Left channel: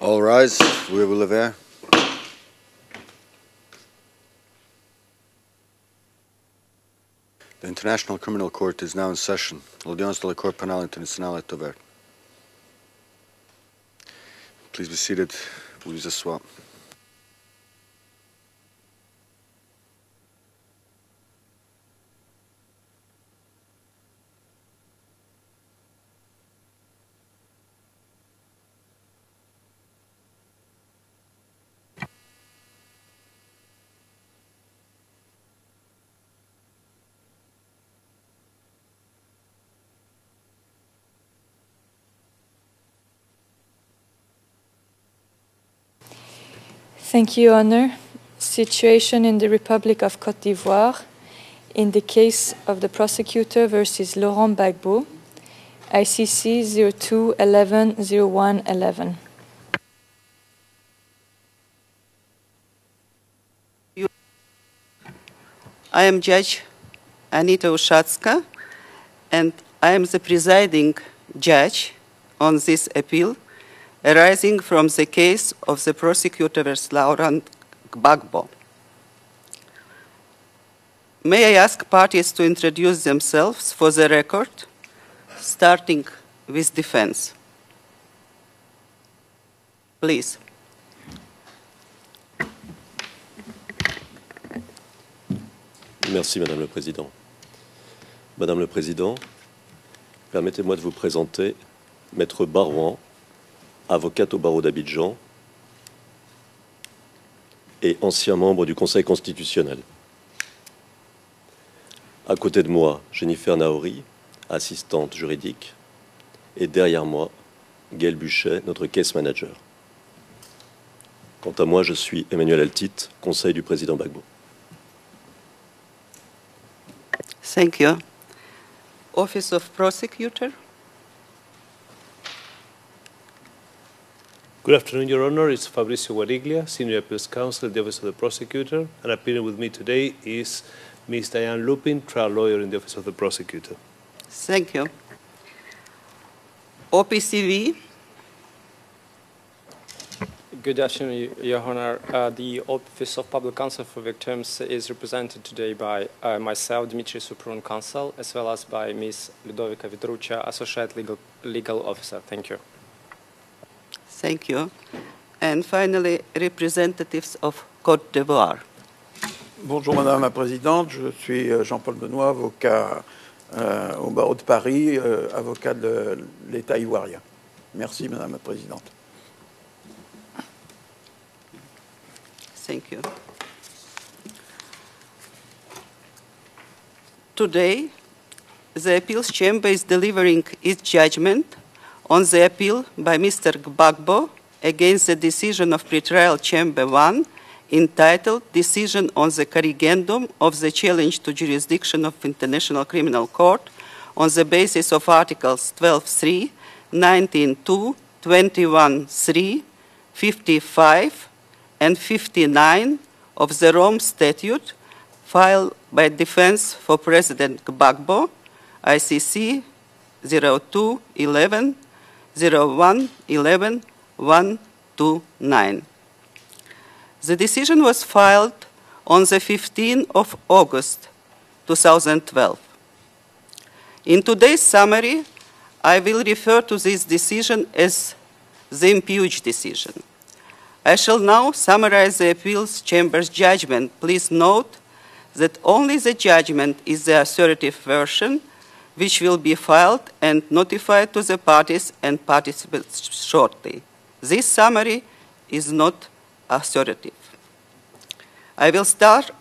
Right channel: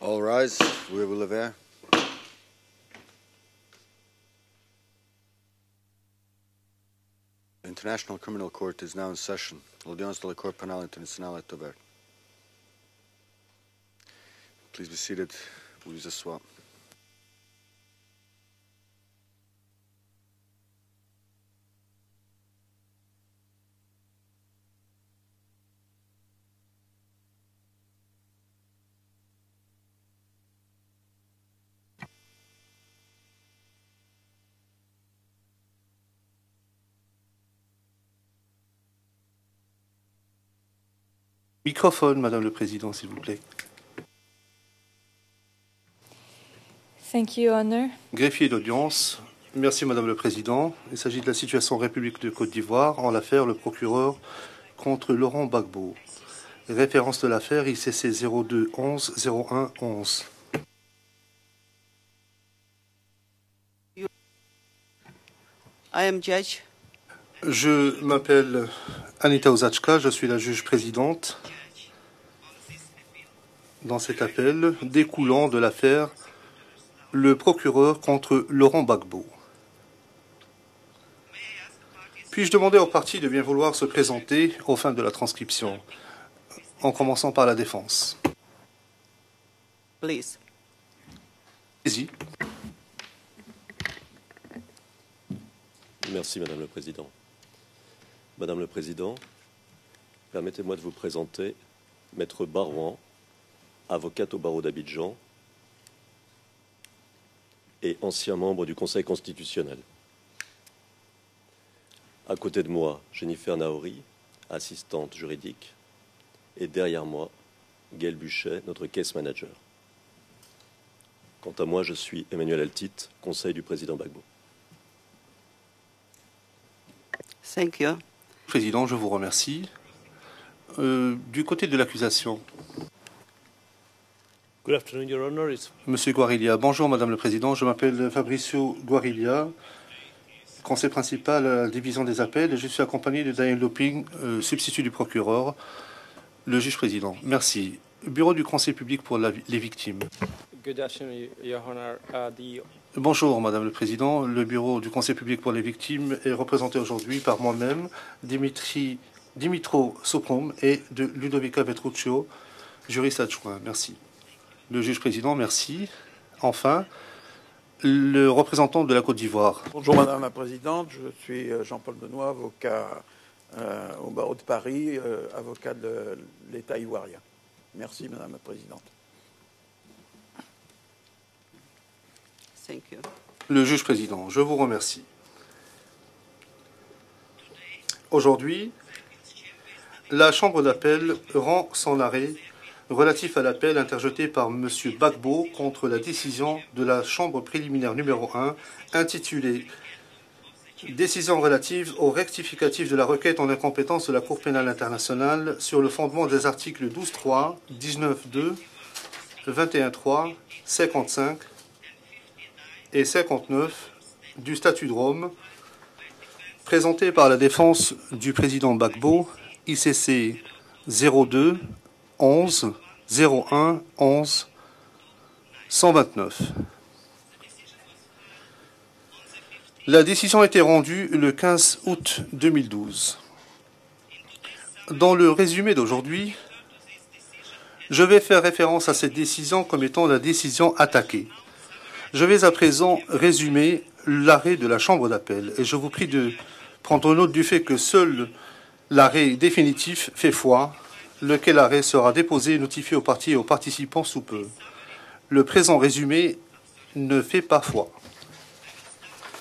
All rise. Veuillez vous lever. The International Criminal Court is now in session. L'audience de la Cour pénale internationale est ouverte. Please be seated. Please asseoir. Microphone, Madame le Président, s'il vous plaît. Thank you, Honor. Greffier Situation in the Merci, Republic Madame of le Côte Président. d'Ivoire. Il s'agit de la situation en In the République de Côte case of d'Ivoire the en l'affaire prosecutor le versus procureur Laurent Gbagbo, contre Laurent Gbagbo. ICC Référence de l'affaire ICC 02-11-01-11. 02-11-01-11. I am Judge Anita Ushatska, and I am the presiding judge on this appeal arising from the case of the prosecutor versus Laurent Gbagbo. May I ask parties to introduce themselves for the record, starting with defense. Par la défense. Please. Merci, Madame le Président. Madame le Président, permettez-moi de vous présenter Maître Barouan, avocate au barreau d'Abidjan et ancien membre du Conseil constitutionnel. À côté de moi, Jennifer Naori, assistante juridique, et derrière moi, Gaël Buchet, notre case manager. Quant à moi, je suis Emmanuel Altit, conseil du président Gbagbo. Thank you. Président, je vous remercie. Office of Prosecutor. Du côté de l'accusation. Good afternoon, Your Honor. It's Fabricio Guariglia. Bonjour, Senior Madame le Président. Je Counsel, m'appelle Fabricio Guariglia. Conseil principal à la division des appels. Je suis accompagné de Daniel Looping, substitut du procureur. Le juge président. OPCV. Merci. Bureau du Conseil public pour les victimes. Good afternoon, Your Honor. Bonjour, Madame le Président. Le Bureau du Conseil public pour les victimes est représenté aujourd'hui par moi-même, Dimitro Sokon et Ludovica Petruccio, juriste adjoint. Merci. Thank you. Le juge président, merci. And finally, representatives Enfin, of Côte le d'Ivoire. représentant de la Côte d'Ivoire. Bonjour Madame la Présidente, je suis Jean-Paul Benoît, avocat au barreau de Paris, avocat de l'État ivoirien. Merci Madame la Présidente. Thank you. Le juge président, je vous remercie. Today, Aujourd'hui, the appeals chamber is la delivering Chambre its d'appel judgment rend son on arrêt the appeal by relatif à Mr. l'appel Gbagbo interjeté par M. against the Gbagbo decision of contre la pretrial décision chamber de la 1 Chambre préliminaire entitled numéro 1, Decision on the intitulée corrigendum of the challenge to Décision relative jurisdiction au of rectificatif International de la Criminal requête Court de compétence de la on Cour the pénale basis of internationale Articles sur le fondement des 12.3, articles 19.2, 21.3, 21.3, 55, 55 and 59 et of 59 the Rome du Statute statut de Rome, filed by defense of présenté par la President défense Gbagbo, du président Gbagbo, ICC ICC 02 11 11 01 01 11 129. 129. The decision was filed on the 15th La of décision a été August. rendue le 15 août 2012. 2012. In today's summary, Dans le résumé I will d'aujourd'hui, refer to this decision as je vais faire référence the à cette impugned décision comme decision. étant la décision I shall attaquée. now summarize Je the vais à appeals présent chamber's résumer judgment. Please l'arrêt note de la Chambre d'appel. that Et je vous only prie the de judgment is prendre the note du fait que assertive seul version, which l'arrêt will be filed définitif fait and foi, notified to the lequel arrêt parties sera and déposé et notifié aux participants parties et aux shortly. participants sous peu. This summary Le is présent not résumé assertive. ne fait pas foi. I will start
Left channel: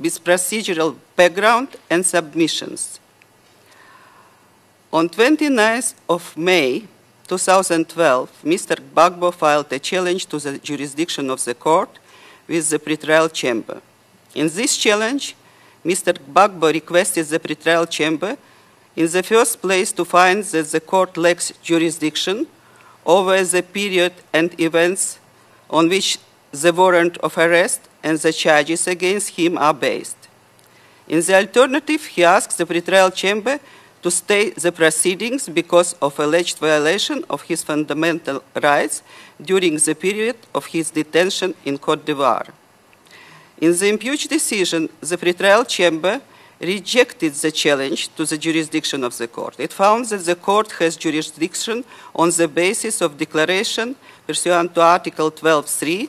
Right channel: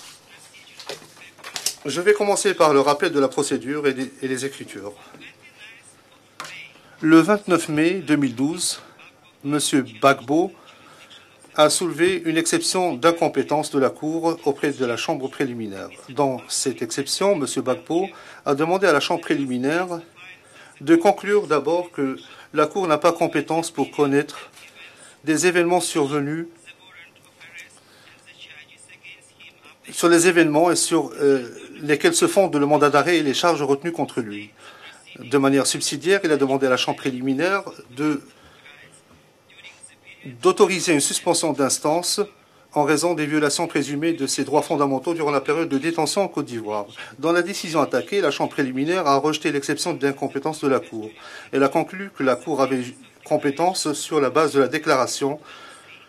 with procedural background Je and vais commencer par le submissions. rappel de la procédure et les écritures. On 29th of May Le 29 mai 2012, 2012, Mr. Gbagbo filed Monsieur a challenge to Gbagbo the jurisdiction of the a court soulevé une with the exception pretrial d'incompétence chamber. de la Cour In auprès this de la Chambre challenge, préliminaire. Mr. Dans Gbagbo cette requested exception, the M. pretrial Gbagbo chamber a demandé à la in Chambre the first préliminaire place to find that the de court conclure lacks d'abord que jurisdiction la Cour n'a pas over the compétence pour period connaître and events des événements on which survenus the warrant of arrest and the charges against him are based. based. sur les événements et sur In the alternative, lesquels he se fonde asked le the mandat pretrial d'arrêt et les chamber charges retenues to contre lui. stay the proceedings De manière because of subsidiaire, il a alleged demandé à la chambre violation of préliminaire his fundamental rights during the period of his d'autoriser une detention suspension in Côte d'instance d'Ivoire. en raison des violations In the présumées de impeached ses droits decision, fondamentaux the durant la pretrial période de détention en chamber Côte d'Ivoire. rejected Dans la the décision challenge attaquée, to la the chambre jurisdiction préliminaire a of the rejeté court. It l'exception found that the d'incompétence court de la has Cour. Elle a jurisdiction conclu que on la the Cour avait basis of compétence declaration sur la base de la pursuant to Article déclaration 12.3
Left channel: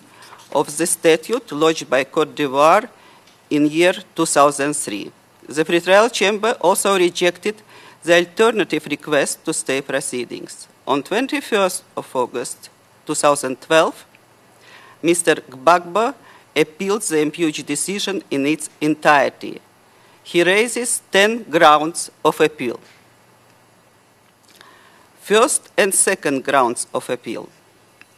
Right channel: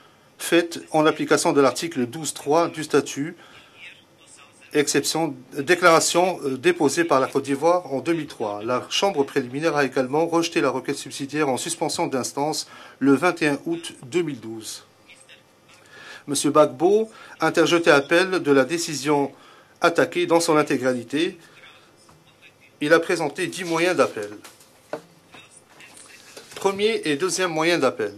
of the faite en application statute de lodged by l'article Côte 12.3 d'Ivoire du statut, in year 2003. exception The pretrial déclaration chamber also déposée par la Côte rejected d'Ivoire en the 2003. alternative La chambre request to préliminaire a stay également proceedings. rejeté la requête On subsidiaire en 21st suspension of d'instance August le 21 août 2012, 2012. Mr. Gbagbo M. Gbagbo appealed the impeached interjeté decision appel in de la its décision entirety. attaquée dans He son raises intégralité. 10 grounds of appeal. Il a présenté 10 moyens d'appel. First and second grounds Premier of et appeal. deuxième moyen d'appel.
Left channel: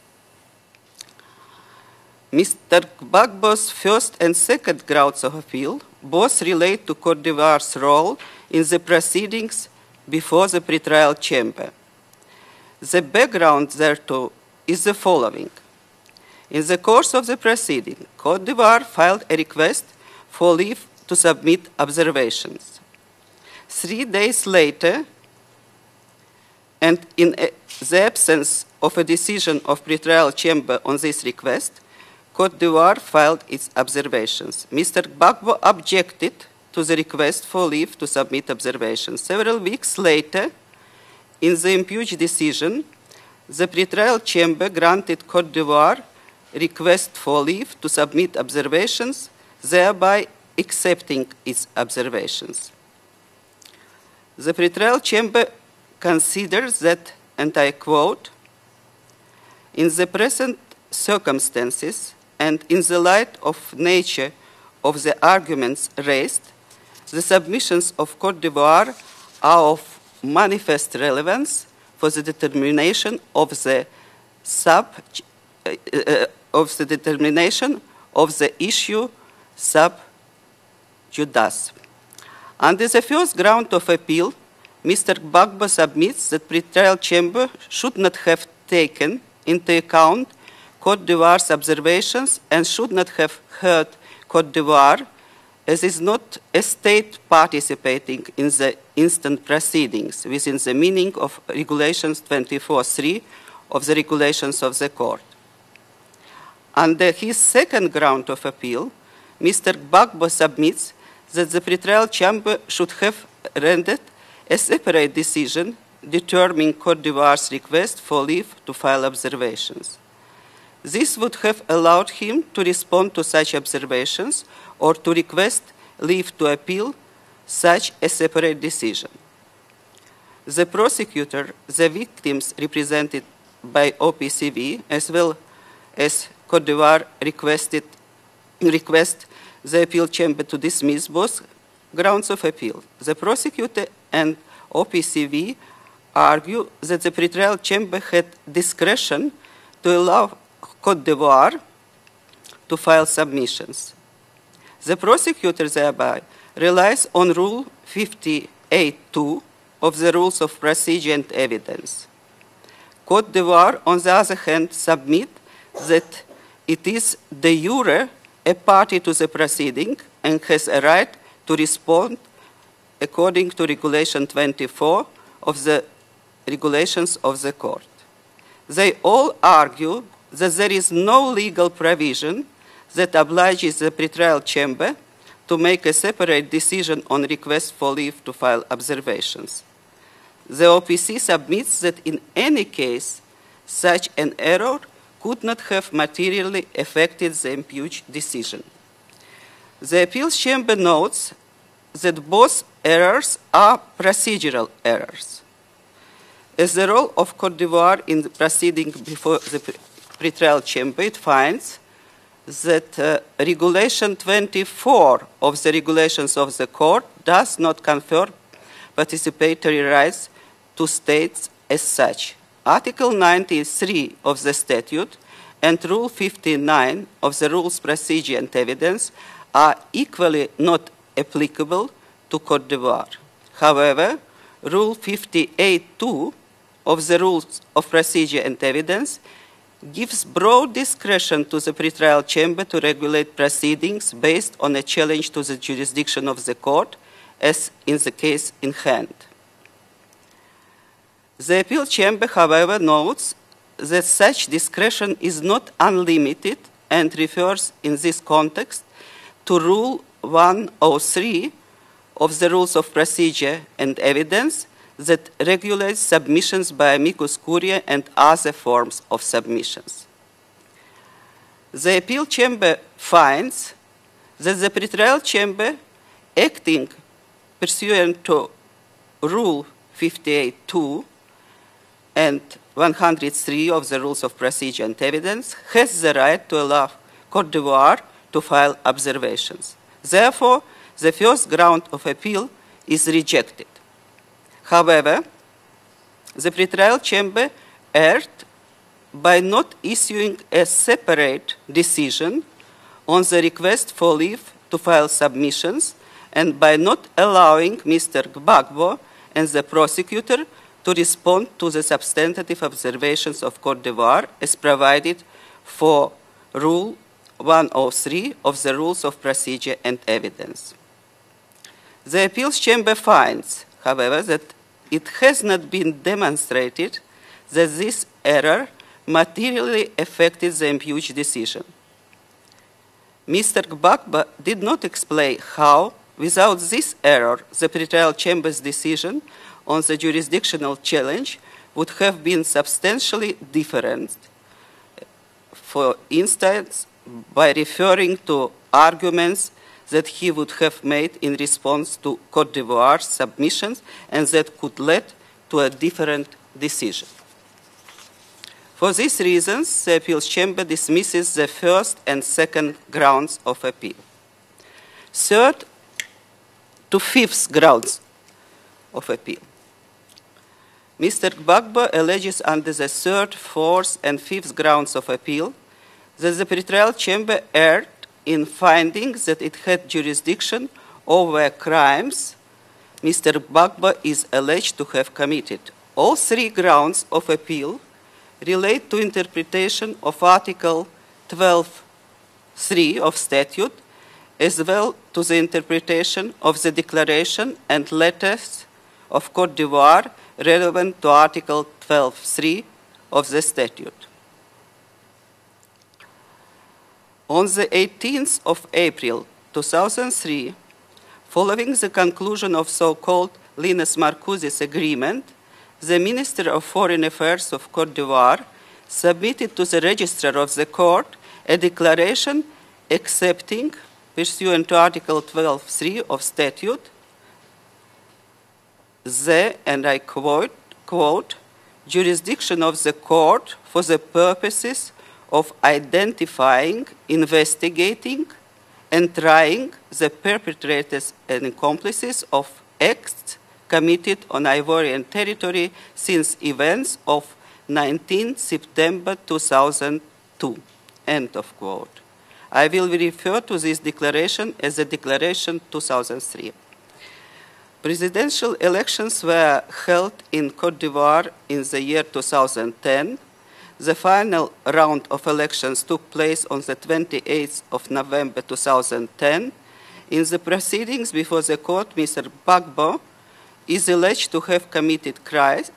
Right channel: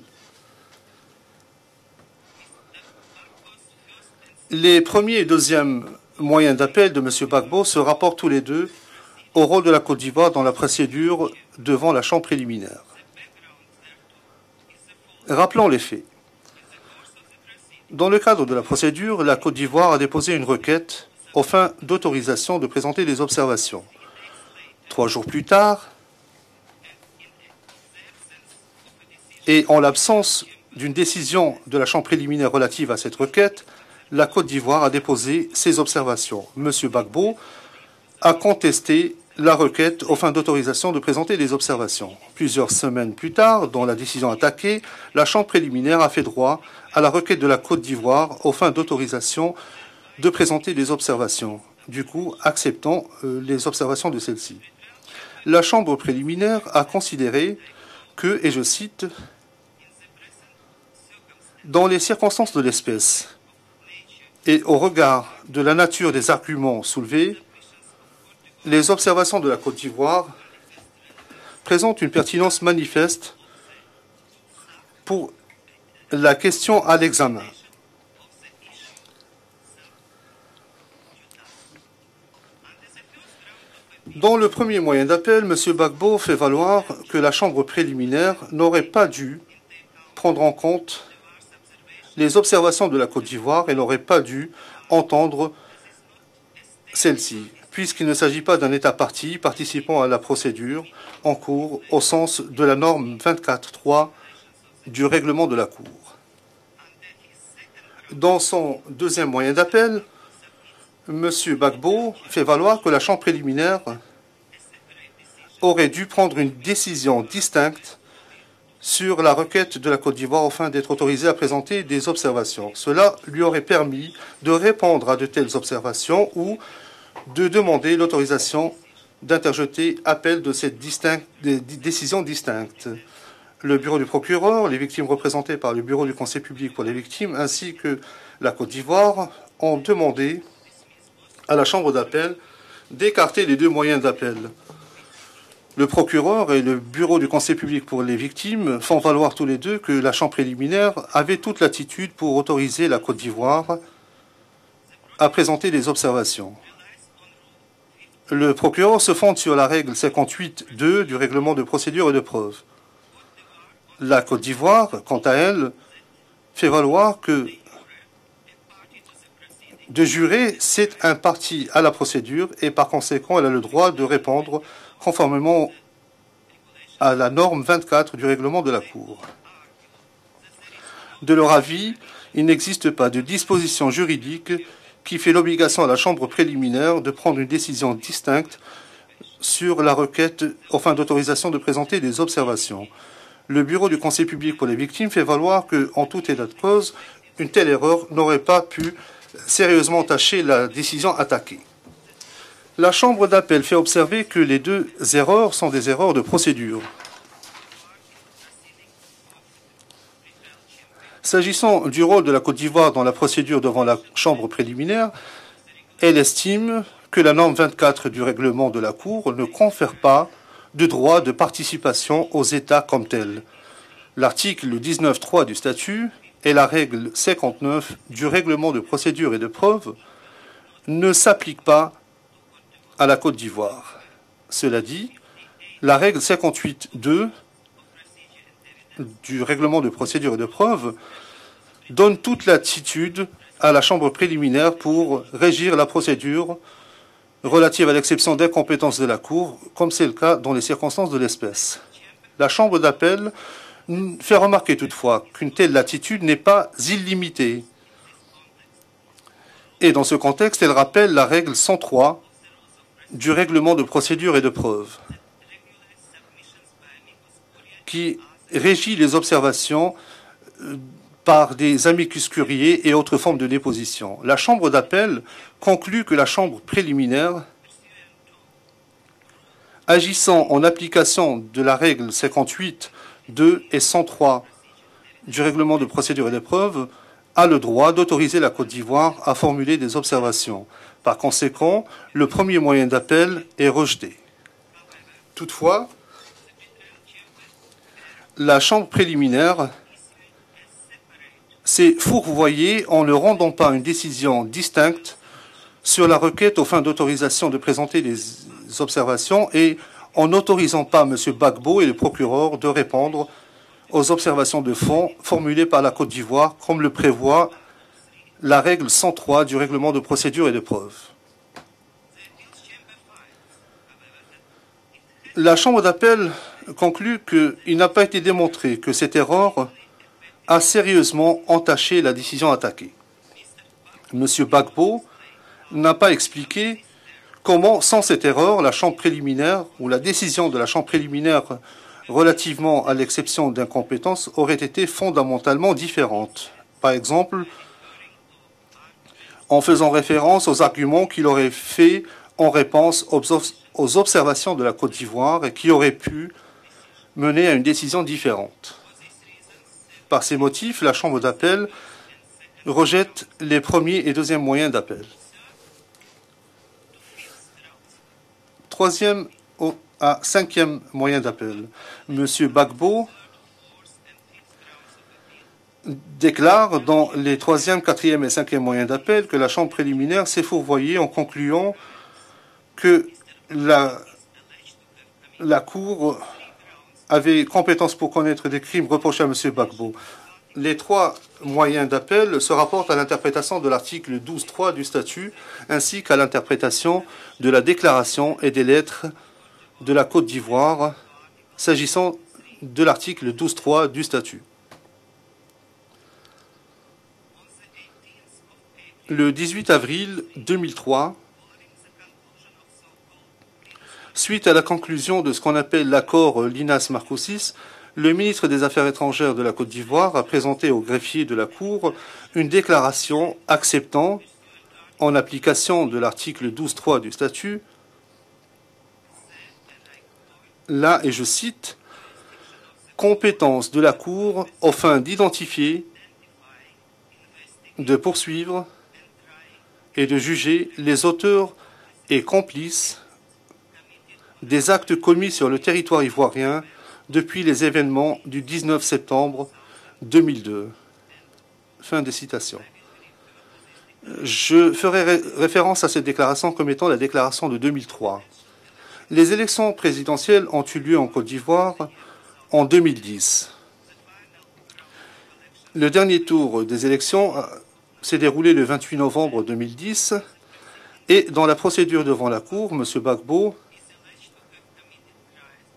Mr. Gbagbo's first and second Les grounds premiers et of deuxième appeal both moyens relate d'appel to de M. Côte Gbagbo d'Ivoire's se role rapportent tous les in deux the proceedings au rôle de la Côte d'Ivoire dans before la the pretrial procédure chamber. devant la chambre préliminaire. The background thereto is the following. Rappelons les faits. In the course of the proceedings, Dans le cadre Côte de la d'Ivoire procédure, filed la a Côte request d'Ivoire a déposé une for leave requête to aux submit fins d'autorisation observations. de présenter des observations. 3 days later, 3 jours plus tard, and in the absence of a decision et en of pretrial l'absence chamber d'une on this décision request, de la chambre préliminaire Côte relative à d'Ivoire cette filed requête, its la observations. Côte d'Ivoire a Mr. déposé Gbagbo ses objected observations. M. to the Gbagbo request for leave to a submit contesté observations. la Several requête weeks aux fins later, d'autorisation de présenter des in the observations. impeached decision, Plusieurs semaines plus tard, the dans la pretrial décision chamber attaquée, granted la chambre Côte d'Ivoire préliminaire a fait droit request à la requête for de la leave Côte to d'Ivoire submit aux fins observations, d'autorisation thereby de présenter des accepting observations. its Du coup, observations. acceptant les observations de celle-ci. The pretrial chamber La chambre préliminaire considers a that, considéré and I quote, que, et je cite, in the present circumstances dans les circonstances and de in the l'espèce light of nature et au of the regard de arguments la nature des raised, arguments the soulevés, submissions of Côte d'Ivoire les observations de la are Côte of d'Ivoire manifest relevance présentent for une the pertinence determination manifeste of the sub pour la question of the à l'examen. determination of the issue sub judice. Under the first ground of appeal, Dans le premier moyen Mr. d'appel, M. Gbagbo Gbagbo submits fait the valoir pretrial que la chamber chambre should not préliminaire have n'aurait pas taken dû into account prendre en compte Côte d'Ivoire's observations les and observations should de la not Côte have d'Ivoire. Elle heard n'aurait pas dû Côte d'Ivoire entendre as is not a state celle-ci, participating puisqu'il ne s'agit in pas d'un the État parti instant participant à la proceedings within the procédure meaning en of cours au regulations sens de la norme 24.3 of the 24.3 regulations of the du court. règlement de la Cour. Under his second ground Dans of son appeal, deuxième moyen Mr. d'appel, Gbagbo submits M. that the Gbagbo pretrial fait chamber valoir que should la chambre have préliminaire rendered a separate decision aurait dû prendre une determining Côte décision d'Ivoire's distincte request for leave to file sur la observations. requête de la Côte d'Ivoire afin d'être This autorisé à would have présenter allowed des him to observations. respond Cela to lui such aurait permis observations de or répondre to à de telles request observations leave ou to appeal de such demander a separate l'autorisation decision. d'interjeter appel de The cette prosecutor, des the décisions victims distinctes. represented Le by bureau du procureur, les OPCV, victimes as well représentées par le bureau du as conseil Côte public pour d'Ivoire les victimes, ainsi requested que la Côte request d'Ivoire ont the appeal demandé chamber to dismiss both à la chambre grounds d'appel of appeal. The d'écarter les deux prosecutor moyens d'appel. and OPCV Le procureur et le argue that bureau the du conseil pretrial public pour chamber les had victimes font discretion valoir tous les deux que to la allow chambre préliminaire Côte d'Ivoire avait toute l'attitude pour to autoriser la file Côte d'Ivoire submissions. The à prosecutor présenter des thereby observations. relies on Rule 58 Le procureur se fonde sur la règle of the rules of 58.2 procedure du and règlement de evidence. procédure et de preuve. Côte d'Ivoire, on the La other Côte hand, d'Ivoire, submit quant à elle, that fait it valoir is que de jure a party to the proceeding de and jurer, has c'est a right un to parti à la respond procédure et par conséquent, elle a according to le droit de Regulation répondre 24 conformément of the regulations à la of the norme court. 24 du règlement de la They Cour. all argue that there is no De leur legal avis, provision il n'existe pas that de obliges disposition the pretrial juridique chamber qui fait to make l'obligation à a la chambre separate préliminaire decision de on prendre une request décision for leave to distincte file observations. sur la requête The aux fins OPC d'autorisation de submits présenter that des in any observations. case, Le bureau du such conseil an public pour error les victimes fait would valoir not que, have en toute materially preuve, affected une the telle erreur impeached n'aurait decision. pas pu sérieusement The appeal entacher la chamber décision notes attaquée. that both La chambre errors d'appel fait are observer que les procedural deux errors. erreurs sont des erreurs de procédure. As the role of Côte d'Ivoire in the proceeding before the pretrial chamber, it finds S'agissant du rôle de la Côte d'Ivoire dans la that procédure devant la Regulation chambre préliminaire, 24 of the elle regulations of the estime court que la norme does not 24 du confer règlement de la Cour ne participatory confère pas rights de to droit de states participation as such. aux États Article comme tels. 93 of the L'article statute 19.3 du and statut Rule et la 59 règle of the rules 59 du procedure and règlement de evidence procédure et de are preuve equally not ne s'appliquent applicable pas to Côte d'Ivoire. à la Côte d'Ivoire. However, Cela Rule dit, 58 la règle 58 of the Rules of Procedure and Evidence du règlement de gives procédure et de broad preuve discretion to the donne pretrial toute chamber to regulate latitude à la chambre proceedings based préliminaire on a pour challenge to the régir la jurisdiction of procédure the court, as relative à in the l'exception case des in compétences de hand. la Cour, comme c'est le cas dans les circonstances de The l'espèce. appeal chamber, La Chambre however, d'appel notes that fait such remarquer discretion toutefois is qu'une not telle latitude n'est unlimited pas and illimitée. refers in this context to Rule Et dans ce contexte, elle rappelle la 103 règle 103 of the Rules of du Procedure règlement de and procédure et de Evidence preuve that regulates submissions by amicus curiae and qui other régit forms les of observations submissions. par des The amicus appeal chamber curiae et autres formes de finds déposition. La that Chambre the pretrial d'appel chamber conclut que la Chambre acting préliminaire, pursuant to Rule agissant en 58 application de la règle and 58, 103 2 et of the Rules 103 of Procedure and Evidence du règlement de has the procédure et de right to preuve, allow a Côte le droit d'Ivoire d'autoriser to la Côte file d'Ivoire à observations. formuler des observations. Therefore, the Par first conséquent, ground of le appeal premier moyen is d'appel rejected. est rejeté. However, Toutefois, the pretrial chamber erred la Chambre by préliminaire not issuing a separate s'est decision fourvoyée en ne on the rendant pas une request for décision leave to distincte file submissions sur la and requête aux by fins not d'autorisation de allowing présenter Mr. des Gbagbo observations and the et en prosecutor n'autorisant to pas M. respond to Gbagbo the et le procureur substantive de répondre observations of Côte aux d'Ivoire as observations de fond provided formulées par la for Côte d'Ivoire, comme le Rule prévoit 103 la of the règle Rules of 103 du Procedure règlement de and procédure et de Evidence. preuve. The appeals chamber finds, however, that it has La not Chambre been d'appel demonstrated conclut that qu'il n'a pas this été error démontré que cette erreur materially affected a the impeached sérieusement decision. entaché la décision attaquée. Mr. Gbagbo Monsieur did not Gbagbo explain how, n'a pas without expliqué this error, the comment, sans pretrial cette erreur, chamber's la Chambre decision préliminaire on ou the la décision de la jurisdictional Chambre challenge préliminaire would have been relativement à substantially l'exception different. d'incompétence aurait été fondamentalement For différente. instance, Par exemple, by referring to arguments en faisant that he référence would aux have arguments made qu'il in aurait response fait to en Côte d'Ivoire réponse submissions aux and observations that de la would Côte lead d'Ivoire et to qui a auraient different pu decision. mener à une décision différente. For these reasons, the appeal Par ces chamber motifs, la Chambre dismisses the d'appel first and second rejette grounds les of premiers appeal. et deuxièmes moyens d'appel. Third to fifth grounds. Troisième à cinquième moyen Mr. d'appel. Gbagbo alleges Monsieur under the Gbagbo third, fourth, and fifth grounds of appeal déclare that the dans pretrial les chamber troisième, erred quatrième et in cinquième moyens finding d'appel que that la it Chambre had préliminaire s'est jurisdiction fourvoyée en over concluant crimes que Mr. Gbagbo la is alleged to have committed. la Cour All three grounds of avait appeal compétence pour connaître les crimes relate to reprochés à M. interpretation Gbagbo. of Article Les trois 12 moyens d'appel se rapportent à 3 of l'interprétation de statute, l'article as 12.3 well du to statut, the ainsi qu'à interpretation of the l'interprétation declaration de la and déclaration letters et des lettres of Côte de d'Ivoire la Côte d'Ivoire relevant to Article s'agissant 12.3 de l'article of the 12.3 statute. du statut. On the 18th of April Le 18 avril 2003, 2003, following the conclusion of so-called Linas Marcoussis suite à la conclusion agreement, de ce qu'on appelle the l'accord Minister of Linas Foreign Marcoussis, Affairs of Côte le d'Ivoire ministre des Affaires étrangères de la submitted to Côte the d'Ivoire a register of the présenté au court greffier de la a Cour declaration une déclaration acceptant, pursuant to Article en application de 12.3 of l'article statute, 12.3 du statut, the, and I quote, là, et je quote, cite, jurisdiction of the court compétence de for la the Cour purposes afin of d'identifier, identifying, de investigating, poursuivre and trying et the de juger les perpetrators auteurs and accomplices et of complices acts committed on des actes Ivorian commis sur le territory territoire since ivoirien events of depuis les événements 19 du 19 September septembre 2002. 2002. End of quote. Fin des citations. I will refer to this declaration Je as the ferai declaration référence à cette 2003. déclaration comme étant la déclaration de 2003. Presidential elections Les were élections held présidentielles in ont Côte eu lieu en d'Ivoire Côte d'Ivoire in the year en 2010. 2010. The final round of elections Le took dernier place tour on the des élections 28th of s'est November déroulé le 28 novembre 2010. 2010 In the proceedings et before dans la the court, procédure devant la Cour, Gbagbo M. Gbagbo is alleged to have committed crimes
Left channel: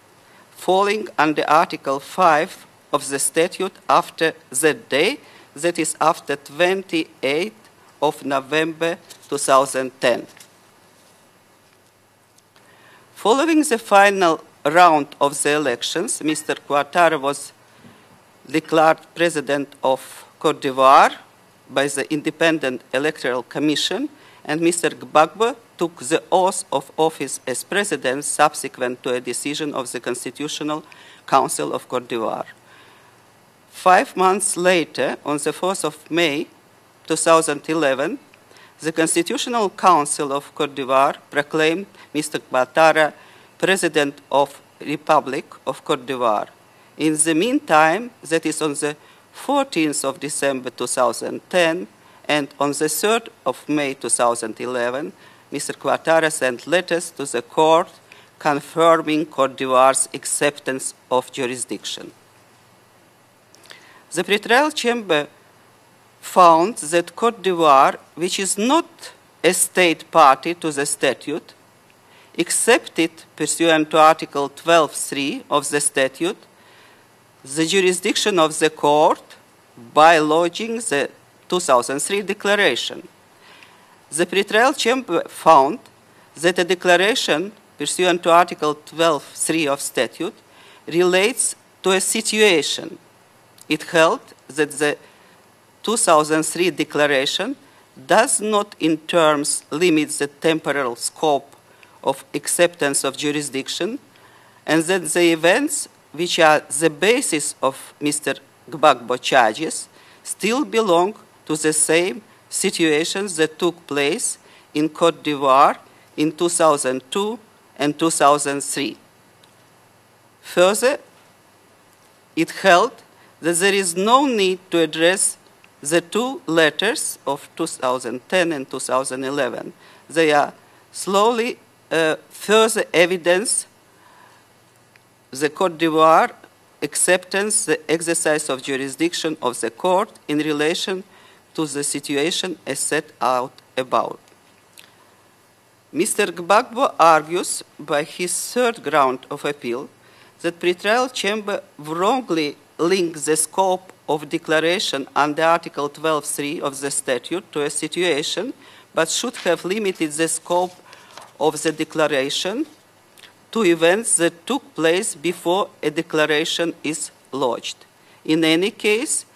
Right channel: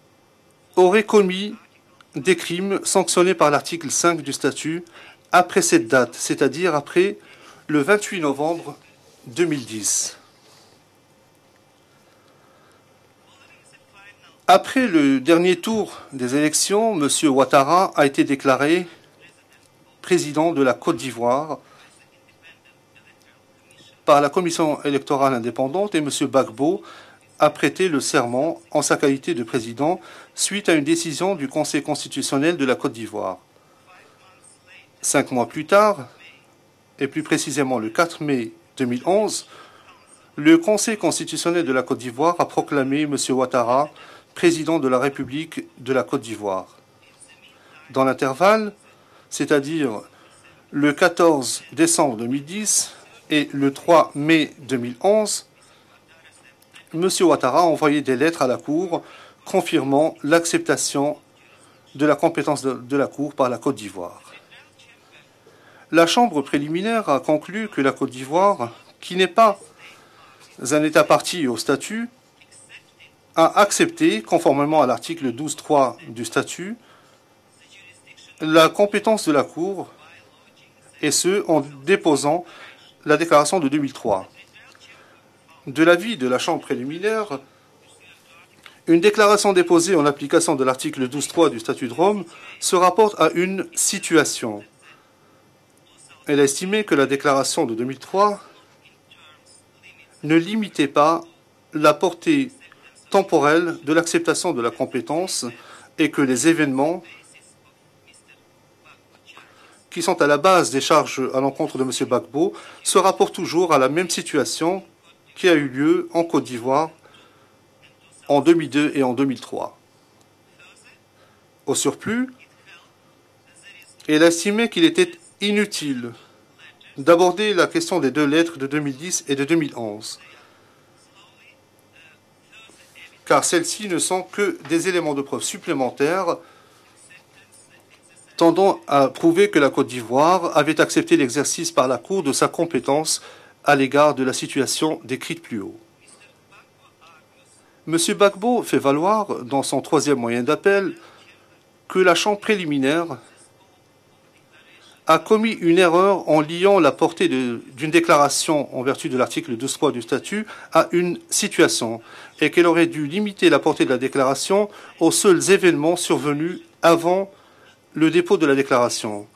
aurait falling commis under Article des 5 crimes of the sanctionnés par statute l'article 5 after du statut that day, après that cette is date, after c'est-à-dire après 28 le of 28 novembre November 2010. 2010. Following the final Après le round of the dernier tour elections, des Mr. élections, Ouattara M. was Ouattara a été déclaré declared president of président Côte de la Côte d'Ivoire d'Ivoire by the Independent Electoral Commission, par la Commission and Mr. électorale Gbagbo indépendante took et M. the oath Gbagbo of office a as prêté le president serment en subsequent sa to a qualité de decision président of the suite à une décision du Council Conseil of Côte d'Ivoire. constitutionnel de la Côte d'Ivoire. 5 months later, 5 on mois the plus 1st tard, of May et plus précisément le 2011, 4 mai the 2011, Constitutional Council of le Côte Conseil d'Ivoire constitutionnel de la proclaimed Côte d'Ivoire Mr. a proclamé Ouattara M. Ouattara President of président de la Republic République of de la Côte Côte d'Ivoire. d'Ivoire. In the Dans meantime, that is l'intervalle, on the c'est-à-dire 14th of December le 14 2010 décembre and on 2010 the 3rd et of le May 3 mai 2011, 2011, Mr. Ouattara sent letters M. to the Ouattara a court envoyé des lettres à la Cour confirming Côte d'Ivoire's confirmant acceptance l'acceptation of jurisdiction. de la compétence de la Cour par la Côte d'Ivoire. The pretrial chamber La Chambre found préliminaire that a Côte conclu que la d'Ivoire, Côte which d'Ivoire, is not qui n'est pas a state party to un the État parti statute, au statut, accepted, a pursuant to accepté, Article conformément à l'article 12.3 of the 12.3 du statute, statut, the jurisdiction of la the court compétence de la Cour, by lodging et the ce, en 2003 déposant declaration. la déclaration de 2003. The pretrial chamber found De l'avis de la that Chambre a préliminaire, declaration pursuant to Article une déclaration 12.3 of déposée en statute application de l'article relates 12.3 du statut to de a Rome se situation. rapporte à une It situation. held that the Elle 2003 estimait que la déclaration declaration de 2003 does not in terms limit the ne limitait temporal pas scope la of portée acceptance of temporelle jurisdiction de l'acceptation de la and that the compétence events et que which les are the événements basis of Mr. Gbagbo charges qui sont à la still base des belong charges à to l'encontre the de M. same Gbagbo se situations rapportent that toujours à la took même place situation in Côte qui a d'Ivoire eu lieu en in Côte d'Ivoire 2002 and en 2002 2003. et en 2003. Further, Au surplus, it held that there is elle no estimait need to qu'il était address the inutile two letters of d'aborder la question des deux 2010 lettres de and 2010 et de 2011. 2011, They are slowly further car evidence celles-ci ne sont que des éléments de preuve the Côte supplémentaires d'Ivoire acceptance the exercise of tendant à jurisdiction prouver of que la the Côte court d'Ivoire in avait relation accepté l'exercice to par the la Cour de sa situation as compétence set out à l'égard above. de la situation décrite plus haut. Mr. Gbagbo argues by M. his Gbagbo fait third valoir, round of dans son appeal, troisième moyen the d'appel, pretrial chamber que la Chambre wrongly préliminaire linked the scope of declaration a under commis Article une erreur en 12.3 liant of la the portée statute to a d'une situation, déclaration en vertu but de should l'article have 12.3 du limited the statut scope à une situation declaration et qu'elle aurait dû limiter la to portée de la events that déclaration took place aux seuls before a événements survenus declaration is avant lodged. le dépôt In de la any déclaration. case,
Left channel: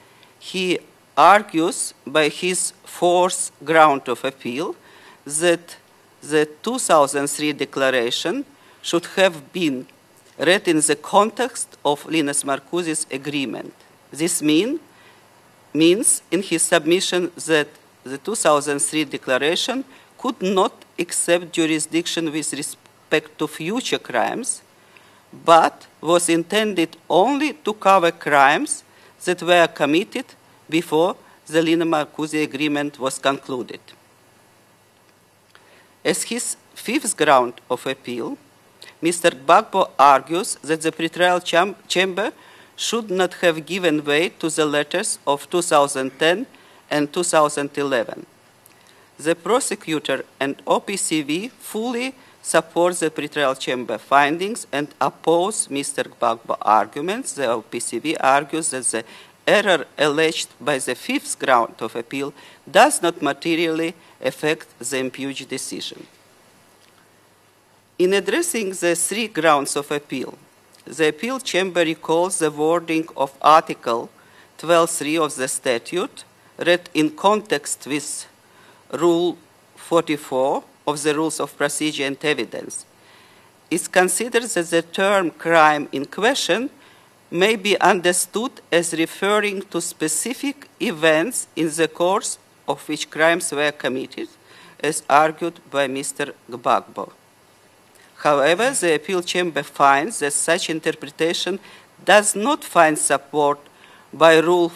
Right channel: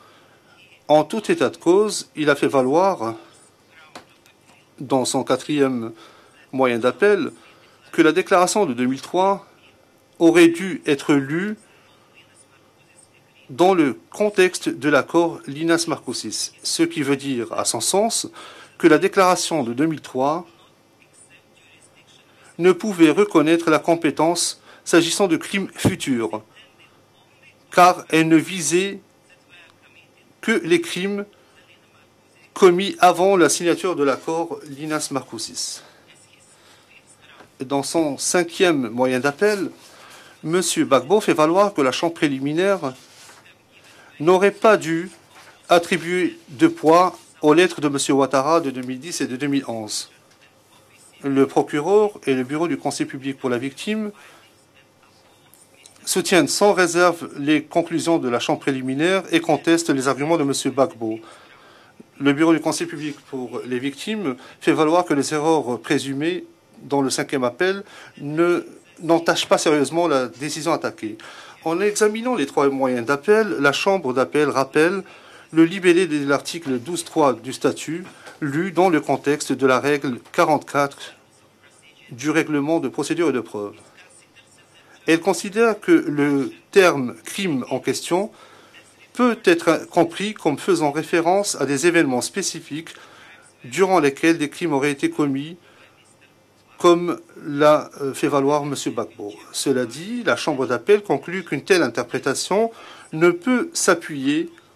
he En tout état de argues cause, by il a fait his valoir, fourth ground of appeal, dans son quatrième the moyen d'appel, 2003 que la déclaration de should 2003 have been aurait read dû in the être lue context of Linus Marcuse's agreement. dans le This contexte means de l'accord in Linas-Marcoussis, his ce qui submission veut dire, that à son sens, the 2003 que la déclaration de declaration 2003 could not accept jurisdiction with ne pouvait respect to reconnaître la future compétence crimes, s'agissant de crimes but futurs, was intended only to car cover elle ne crimes visait that were committed que les before crimes the Linus-Marcuse agreement commis was avant la concluded. signature de l'accord Linas-Marcoussis. As his fifth ground Dans of son appeal, cinquième moyen Mr. d'appel, Gbagbo argues M. that the Gbagbo fait pretrial valoir que la Chambre chamber préliminaire should not have given way to n'aurait the pas dû letters of attribuer 2010 de poids and aux lettres de M. 2011. Ouattara de 2010 et de The 2011. prosecutor and OPCV Le procureur fully et le bureau du support Conseil the public pour la pretrial chamber victime findings and oppose Mr. soutiennent Gbagbo's sans réserve arguments. The les OPCV conclusions de la Chambre argues that the préliminaire et error conteste les arguments de M. alleged by the Gbagbo. fifth ground of appeal Le bureau du Conseil does public not pour les materially victimes affect fait valoir the que les imputed erreurs decision. présumées dans le cinquième appel In addressing the three n'entachent pas grounds of sérieusement la appeal, décision the attaquée. appeal En chamber examinant recalls les the trois moyens wording of d'appel, la Article Chambre d'appel rappelle 12.3 of the le libellé statute de l'article read in 12.3 du context statut, with lu dans le Rule contexte de la règle 44 44 of the rules of procedure and du règlement evidence. de procédure et de preuve. It considers that the Elle term considère crime que in question le terme may crime be en question understood as peut referring être to compris specific comme faisant events référence à in des the événements course of spécifiques which crimes were durant committed, lesquels des crimes auraient as été commis, argued by Mr. Gbagbo. comme l'a fait valoir However, M. the appeal Gbagbo. chamber Cela finds dit, that la Chambre such d'appel conclut interpretation qu'une telle does interprétation not find ne support peut s'appuyer by Rule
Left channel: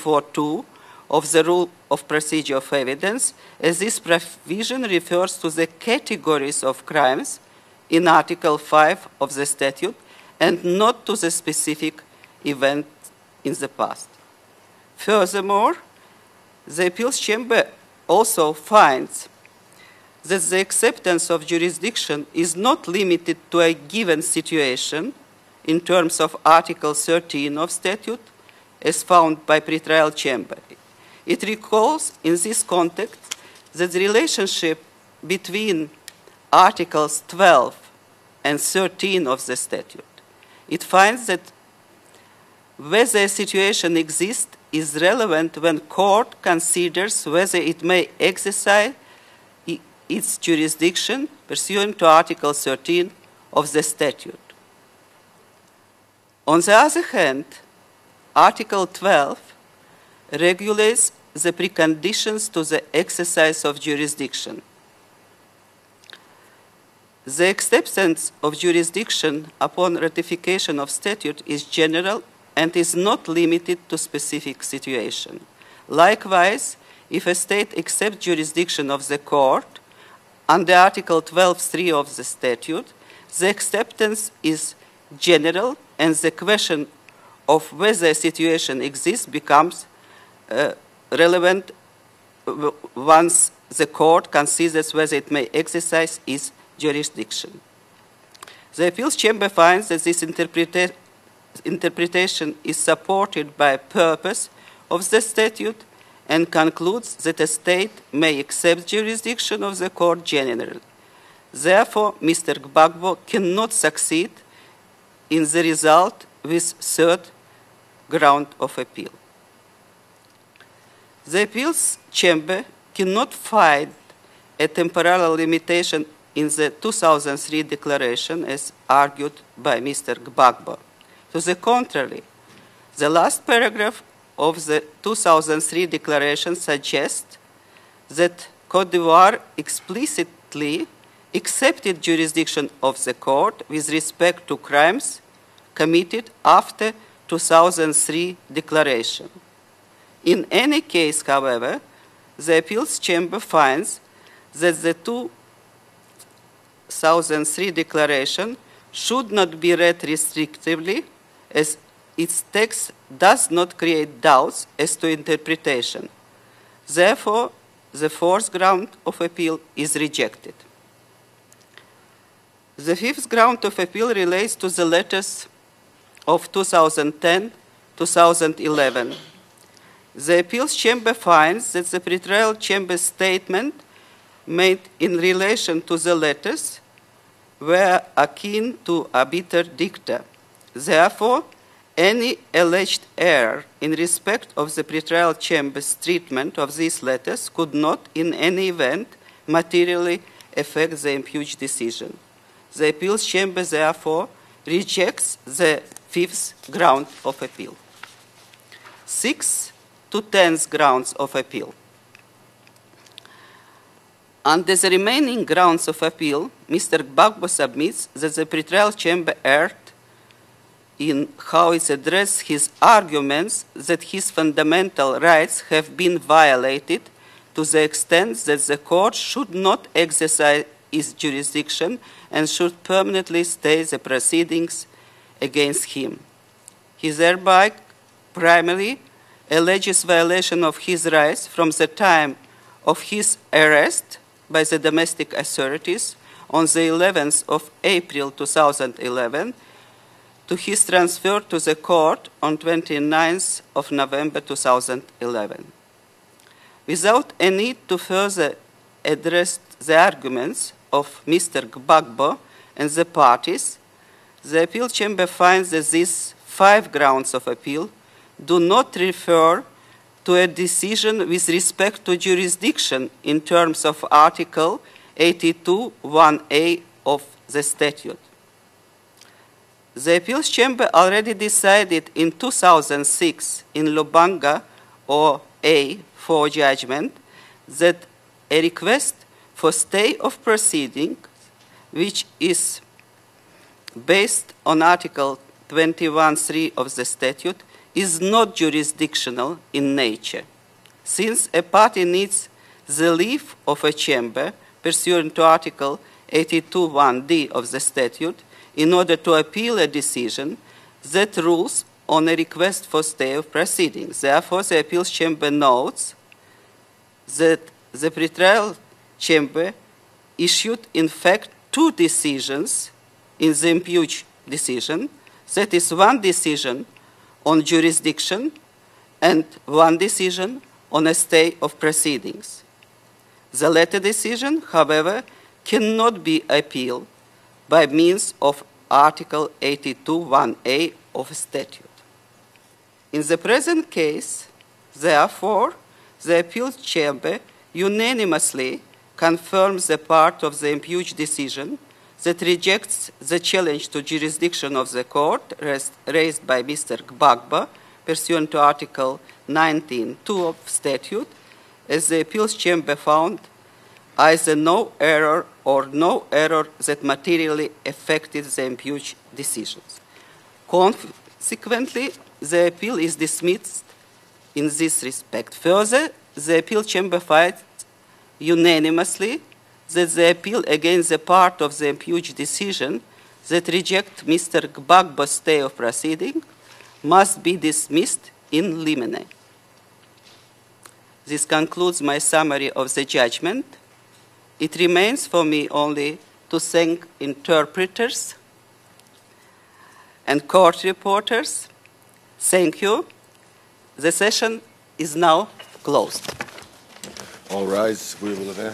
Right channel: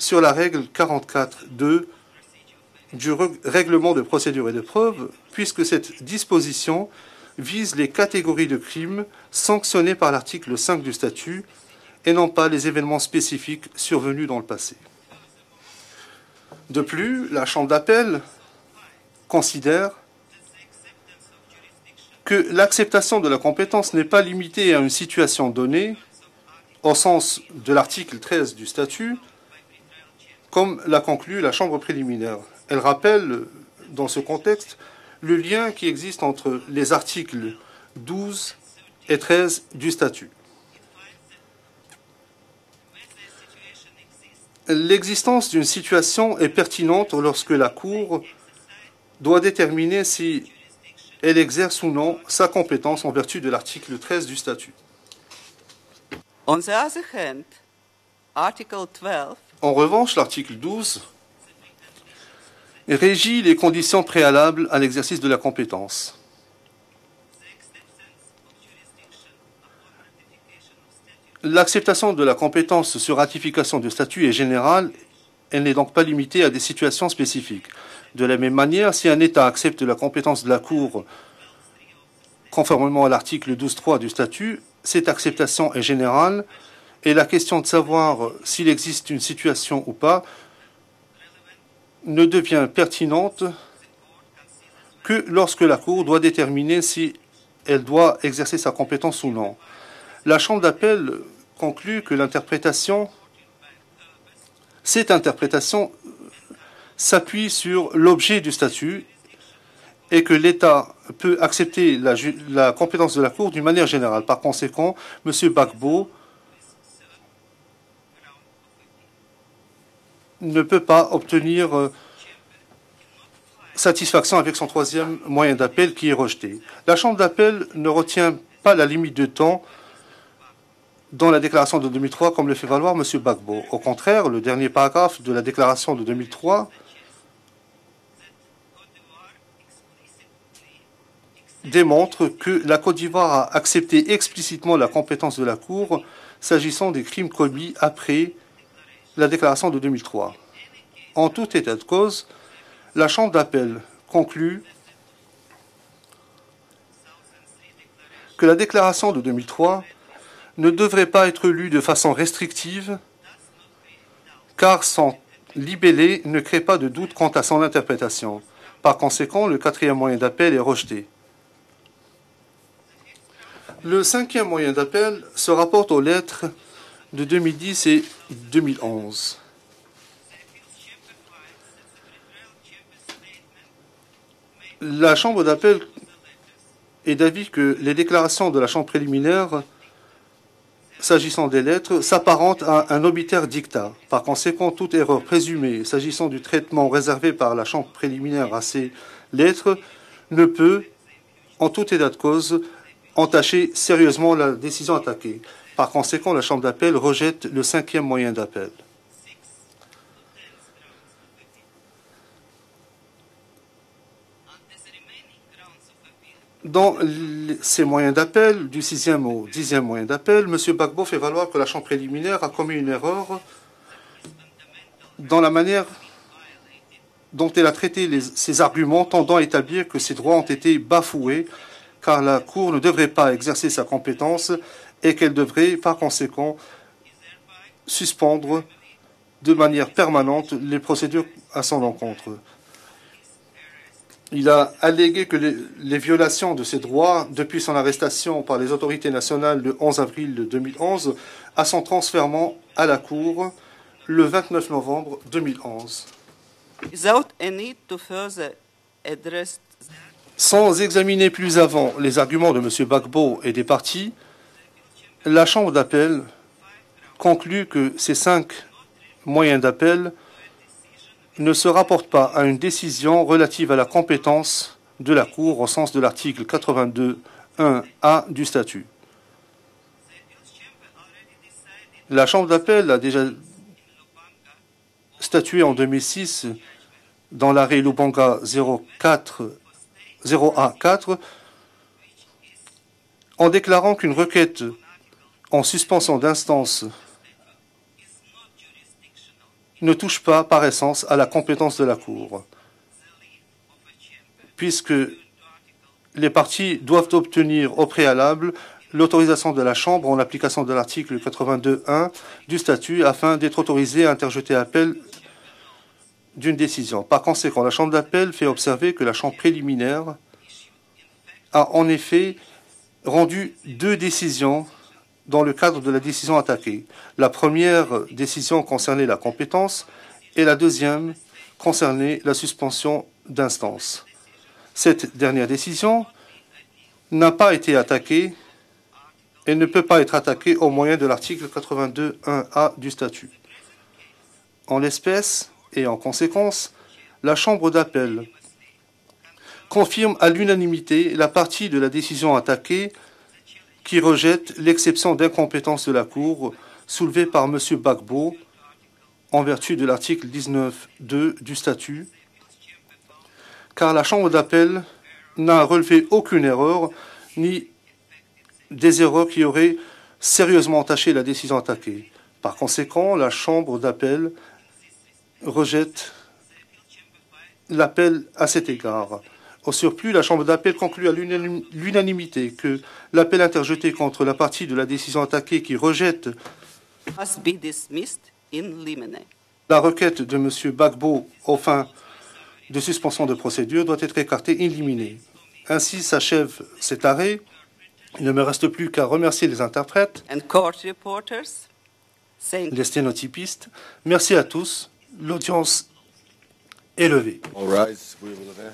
sur la règle 44.2 of the Rule 44.2 of Procedure of du Evidence, as règlement this de procédure et de provision preuve, refers to puisque the cette categories disposition of crimes vise les in catégories Article de 5 crimes of the sanctionnés statute par l'article and 5 not du to the statut specific et non pas des event événements in spécifiques the past. survenus dans le passé. Furthermore, De the appeals plus, la Chambre chamber d'appel also finds considère that the acceptance of jurisdiction que is not l'acceptation de la limited to a compétence n'est pas given limitée à une situation situation in donnée terms of Article au sens 13 of de l'article statute 13 du as statut, found by pretrial chamber. comme l'a conclu It la Chambre recalls préliminaire. in this Elle rappelle, that the dans ce contexte, relationship le lien qui between existe entre les Articles articles 12 12 and et 13 of the 13 du statute. statut. It finds that whether a situation exists is L'existence relevant d'une when situation court est pertinente considers lorsque whether la it may Cour exercise doit déterminer its si jurisdiction elle exerce ou pursuant to non sa Article compétence 13 en vertu de of the l'article 13 statute. du statut. On the other hand, Article 12 En revanche, l'article 12 regulates the preconditions to the régit les exercise of conditions jurisdiction. préalables à l'exercice de la compétence. L'acceptation de la compétence sur ratification du statut est générale. Elle n'est donc pas limitée à des situations spécifiques. De la même manière, si un État accepte la compétence de la Cour, conformément à l'article 12.3 du statut, cette acceptation est générale et la question de savoir s'il existe une situation ou pas ne devient pertinente que lorsque la Cour doit déterminer si elle doit exercer sa compétence ou non. La Chambre d'appel conclut que l'interprétation, cette interprétation s'appuie sur l'objet du statut et que l'État peut accepter la compétence de la Cour d'une manière générale. Par conséquent, M. Gbagbo ne peut pas obtenir satisfaction avec son troisième moyen d'appel qui est rejeté. La Chambre d'appel ne retient pas la limite de temps dans la déclaration de 2003, comme le fait valoir M. Gbagbo. Au contraire, le dernier paragraphe de la déclaration de 2003 démontre que la Côte d'Ivoire a accepté explicitement la compétence de la Cour s'agissant des crimes commis après la déclaration de 2003. En tout état de cause, la Chambre d'appel conclut que la déclaration de 2003 ne devrait pas être lue de façon restrictive, car son libellé ne crée pas de doute quant à son interprétation. Par conséquent, le quatrième moyen d'appel est rejeté. Le cinquième moyen d'appel se rapporte aux lettres de 2010 et 2011. La Chambre d'appel est d'avis que les déclarations de la Chambre préliminaire s'agissant des lettres s'apparentent à un obiter dicta. Par conséquent, toute erreur présumée s'agissant du traitement réservé par la Chambre préliminaire à ces lettres ne peut, en tout état de cause, entacher sérieusement la décision attaquée. Par conséquent, la Chambre d'appel rejette le cinquième moyen d'appel. 6 to 10 grounds of appeal. Under the remaining grounds of appeal, Mr. Gbagbo submits that the Federal Chamber erred M. Gbagbo fait valoir que la how Chambre it préliminaire addressed a his commis une erreur arguments that his fundamental rights have been violated dont to elle a the traité extent ses that the arguments court tendant à should not établir que ses droits ont exercise été its bafoués, jurisdiction car la and Cour ne should devrait pas permanently exercer stay sa the compétence proceedings et qu'elle devrait, against par him. conséquent, He thereby suspendre primarily de manière alleges permanente violation of les his procédures rights à from son the time encontre. of his arrest Il a by the allégué domestic que les authorities violations on de the ses droits 11th depuis of son April arrestation par les autorités 2011 nationales le 11 avril to his 2011 transfer to à the son court transfèrement on à la Cour 29th of le November 29 novembre 2011. 2011. Without a need to further address the arguments Sans examiner of plus Mr. avant Gbagbo les arguments de M. and the Gbagbo et des parties, parties, the appeal chamber la finds Chambre that d'appel these 5 grounds of conclut appeal que ces 5 do not moyens refer d'appel to a decision with ne se respect rapportent to pas à une jurisdiction décision in relative à terms la of compétence Article de la Cour au sens de l'article 82.1a of the statute. 82.1a du statut. The appeals chamber already decided La in Chambre d'appel a déjà 2006 in Lubanga or statué en A 2006 for judgment dans l'arrêt that Lubanga a request 04 for stay of 0A4 proceeding, which is en déclarant qu'une based requête on Article en suspension 21.3 d'instance of the statute is not jurisdictional in ne touche pas nature. par essence à la Since compétence a de la party Cour, needs the leave of a chamber puisque pursuant to Article les parties doivent 82.1d obtenir of the au préalable statute in order to l'autorisation de la appeal a Chambre en decision application de l'article that rules 82.1 on a du request statut for stay afin of d'être autorisé à proceedings. interjeter Therefore, the appel appeals chamber notes d'une décision. Par conséquent, la Chambre the d'appel fait Federal observer que la Chambre Chamber préliminaire issued in fact a en two effet decisions rendu in the 2 impugned décisions decision. dans le That cadre is de la one décision decision attaquée. La première jurisdiction décision concernait la and compétence one et decision la deuxième on a stay of concernait la proceedings. suspension The d'instance. latter decision, Cette however, dernière décision cannot be appealed n'a pas été by attaquée means of Article et ne peut pas être attaquée au moyen de 82.1a l'article of statute. 82.1a du In statut. the present case, En l'espèce therefore, et en the conséquence, appeal chamber la Chambre d'appel unanimously confirms the confirme à part of the l'unanimité impugned la partie decision de la décision that attaquée rejects the challenge qui to rejette jurisdiction l'exception of the court d'incompétence de la raised Cour by Mr. soulevée par M. Gbagbo, Gbagbo pursuant to Article en vertu de l'article 19.2 of 19.2 statute, du statut. as the appeals chamber found car la Chambre d'appel n'a relevé aucune erreur ni des erreurs qui auraient sérieusement entaché la décision attaquée. Par conséquent, la Chambre d'appel rejette l'appel à cet égard. Au surplus, la Chambre d'appel conclut à l'unanimité que l'appel interjeté contre la partie de la décision attaquée qui rejette la requête de M. Gbagbo aux fins de suspension de procédure doit être écartée et éliminée. Ainsi s'achève cet arrêt. Il ne me reste plus qu'à remercier les interprètes, les sténotypistes. Merci à tous. L'audience est levée. All rise, we will have